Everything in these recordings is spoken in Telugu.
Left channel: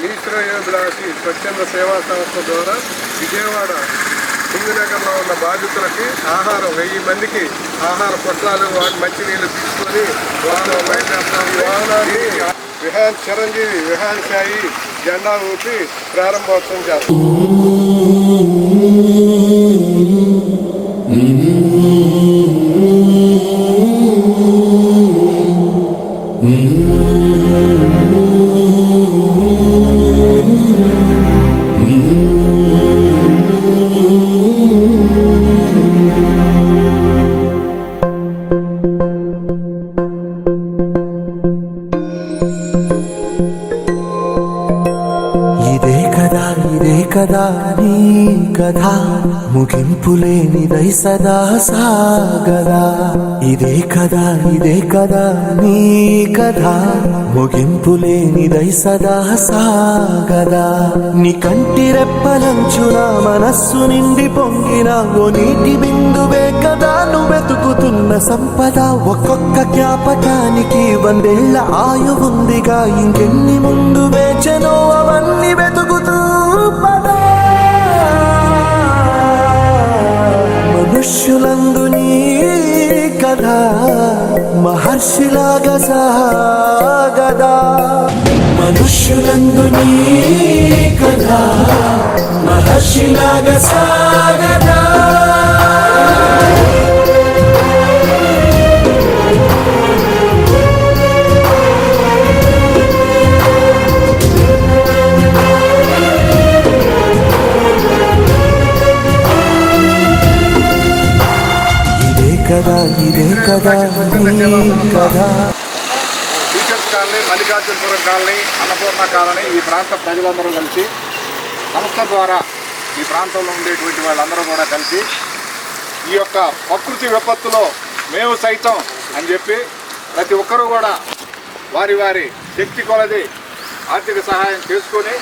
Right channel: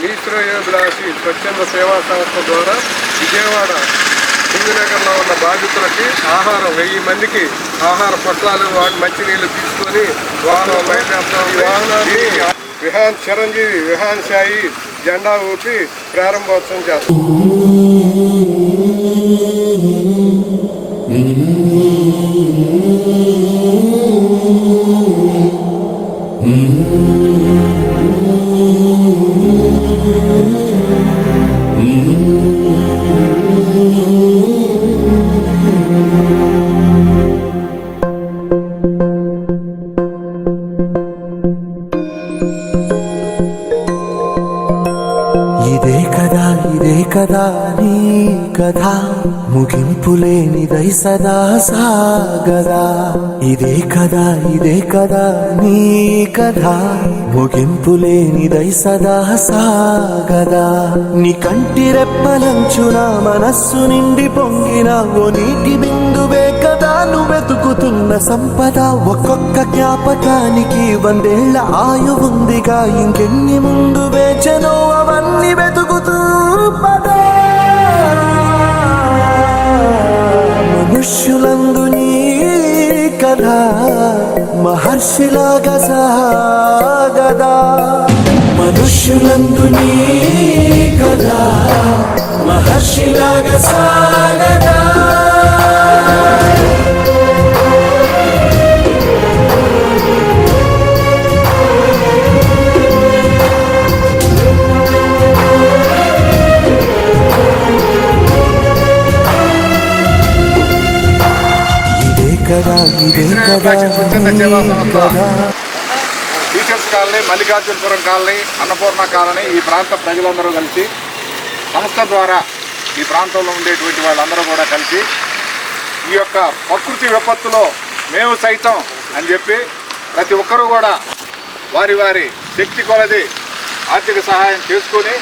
మీ శ్రేయోభిలాషి స్వచ్ఛంద సేవా సంస్థ ద్వారా విజయవాడ సింగనగర్లో ఉన్న బాధితులకి ఆహారం 1000 మందికి ఆహార పొట్లాలు మంచినీళ్ళు తీసుకొని వాహనం బయలుదేరుతాం. ఈ వాహనాన్ని విహాన్ చిరంజీవి విహాన్ సాయి జెండా ఊపి ప్రారంభోత్సవం చేస్తాం. ఇదే కదా నీ కథ ముగింపులేనిదై సదా సాగదా. ఇదే కదా నీ కథ ముగింపులేనిదై సదా సాగదా. నీ కంటి రెప్పలంచున మనస్సు నిండి పొంగిన ఓ నీటి బిందువే కదా నువ్వెతుకుతున్న సంపద. ఒక్కొక్క జ్ఞాపకానికి 100 ఏళ్ల ఆయువుందిగా, ఇంకెన్ని ముందు వేచనో అవన్నీ వెతుకుతూ పదా. మనుష్యులందు నీ కథ మహర్షిలాగా సాగదా. మనుష్యులందు నీ కథ మహర్షిలాగా సాగదా. ఇదే కదా teachers colony, Mallikarjunapuram colony, Annapurna colony, ఈ ప్రాంత ప్రజలందరూ కలిసి సంస్థ ద్వారా ఈ ప్రాంతంలో ఉండేటువంటి వాళ్ళందరూ కూడా కలిసి ఈ యొక్క ప్రకృతి విపత్తులో మేము సైతం అని చెప్పి ప్రతి ఒక్కరూ కూడా వారి వారి శక్తి కొలది ఆర్థిక సహాయం చేసుకొని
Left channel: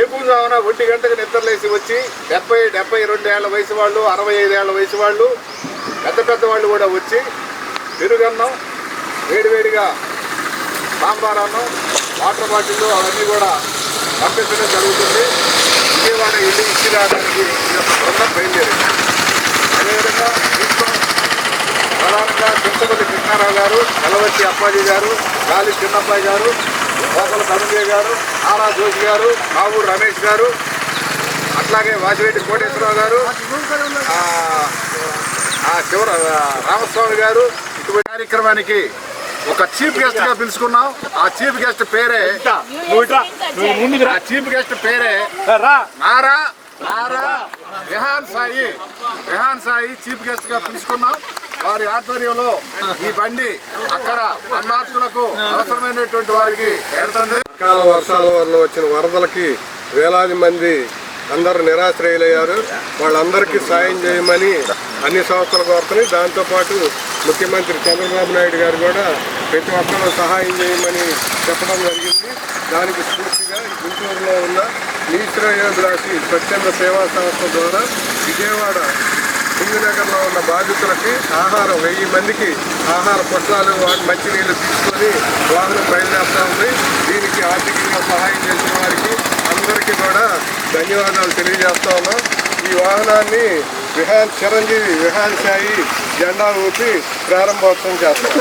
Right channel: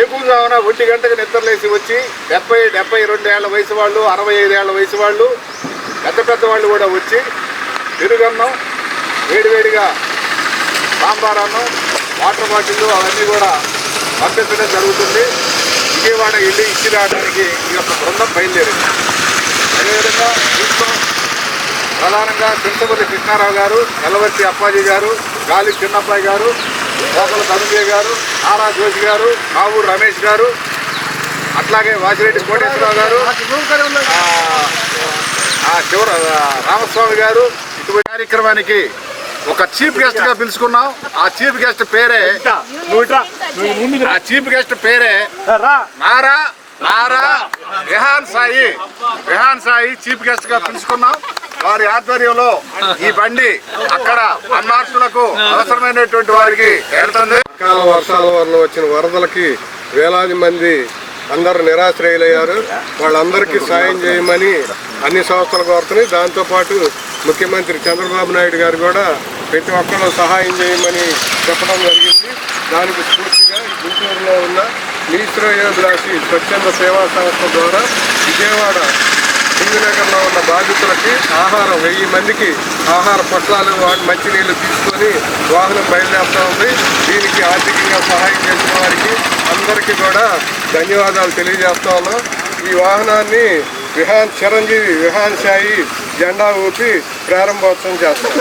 ఏపుజామున 1 గంటకు నిద్రలేసి వచ్చి 70-72 ఏళ్ల వయసు వాళ్ళు, 65 ఏళ్ల వయసు వాళ్ళు, పెద్ద వాళ్ళు కూడా వచ్చి పెరుగన్నం, వేడివేడిగా సాంబార్ అన్నం, వాటర్ బాటిళ్ళు అవన్నీ కూడా పంపించడం జరుగుతుంది. విజయవాడ వెళ్ళి ఇచ్చి రావడానికి ఈ యొక్క బృందం బయలుదేరింది. అదేవిధంగా దీంట్లో ప్రధానంగా చింతపల్లి కృష్ణారావు గారు, వెలవర్తి అప్పాజీ గారు, గాలి చిన్నబ్బాయి గారు, లోపల ధనుంజయ గారు, నారా జోషి గారు, కావూరు రమేష్ గారు, అట్లాగే వాసిరెడ్డి కోటేశ్వరరావు గారు, చివర రామస్వామి గారు. ఇటువంటి కార్యక్రమానికి ఒక చీఫ్ గెస్ట్ గా పిలుచుకున్నాం. ఆ చీఫ్ గెస్ట్ పేరే నారా విహాన్ సాయి చీఫ్ గెస్ట్ గా పిలుచుకున్నాం. వారి ఆధ్వర్యంలో ఈ బండి అక్కడ అన్నార్థులకు అవసరమైనటువంటి వారికి వెళ్తుంది. అకాల వర్షాల వల్ల వచ్చిన వరదలకి వేలాది మంది అందరూ నిరాశ్రయులయ్యారు. వాళ్ళందరికీ సాయం చేయమని అన్ని సంస్థలు కోరుతున్నాయి. దాంతోపాటు ముఖ్యమంత్రి చంద్రబాబు నాయుడు గారు కూడా ప్రతి ఒక్కరూ సహాయం చేయమని చెప్పడం జరిగింది. దానికి స్ఫూర్తిగా గుంటూరులో ఉన్న మీ శ్రేయోభిలాషి స్వచ్ఛంద సేవా సంస్థ ద్వారా విజయవాడ సింగనగర్లో ఉన్న బాధితులకి ఆహారం 1000 మందికి ఆహార పొట్లాలు మంచినీళ్ళు తీసుకొని వాహనం బయలుదేరుతూ ఉంది. దీనికి ఆర్థికంగా సహాయం చేసిన వారికి అందరికీ కూడా ధన్యవాదాలు తెలియజేస్తా ఉన్నాం. ఈ వాహనాన్ని విహాన్ చిరంజీవి విహాన్ సాయి జెండా ఊపి ప్రారంభోత్సవం చేస్తాం.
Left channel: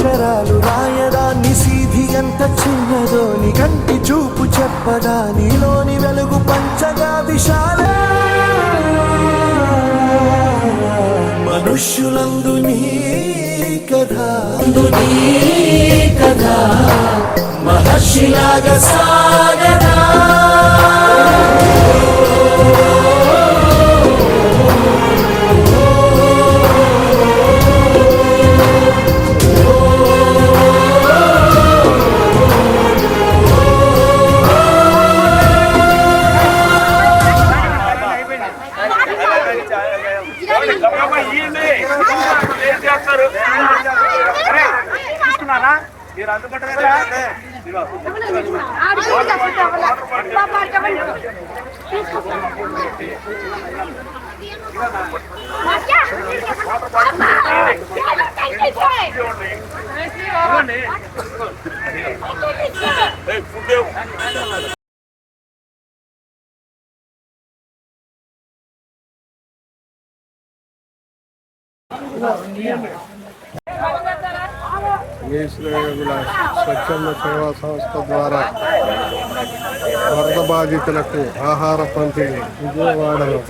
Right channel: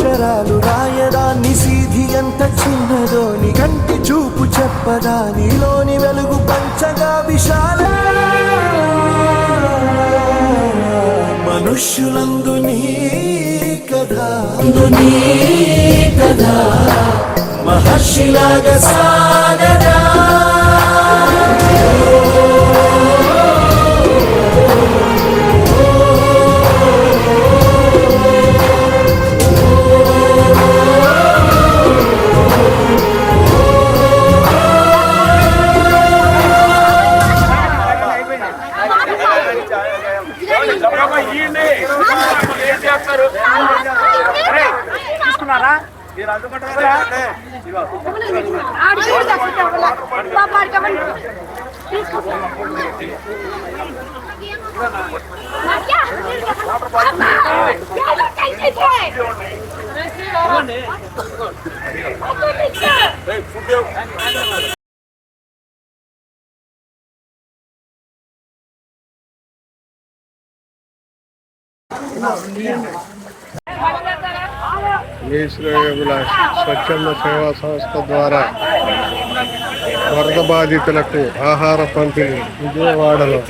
అక్షరాలు రాయదా నిశీధి ఎంత చిన్నదో, నీ కంటి చూపు చెప్పదా నీలోని వెలుగు పంచగా విశాల. మనుష్యులందు నీ కథ మహర్షిలాగా సాగదా. తీసుకున్నారా మీరు అందుకుంటారా? మీ శ్రేయోభిలాష్ స్వచ్ఛంద సేవా సంస్థ ద్వారా వరద బాధితులకు ఆహార పంపిణీ విజయవాడలో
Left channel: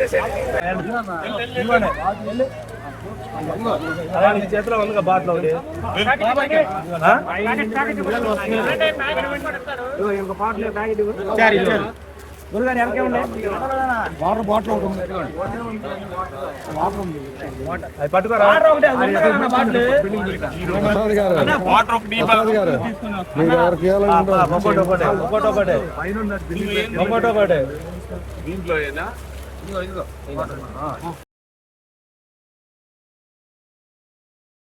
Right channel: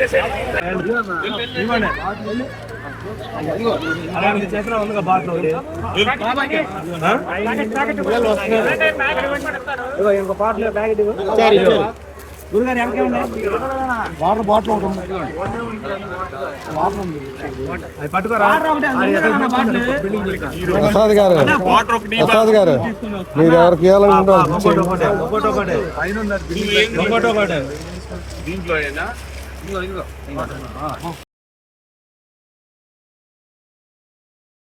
వాటర్ బాటిల్ ప్రసాద్ గారు మీరు ఎవరికి దీంట్లో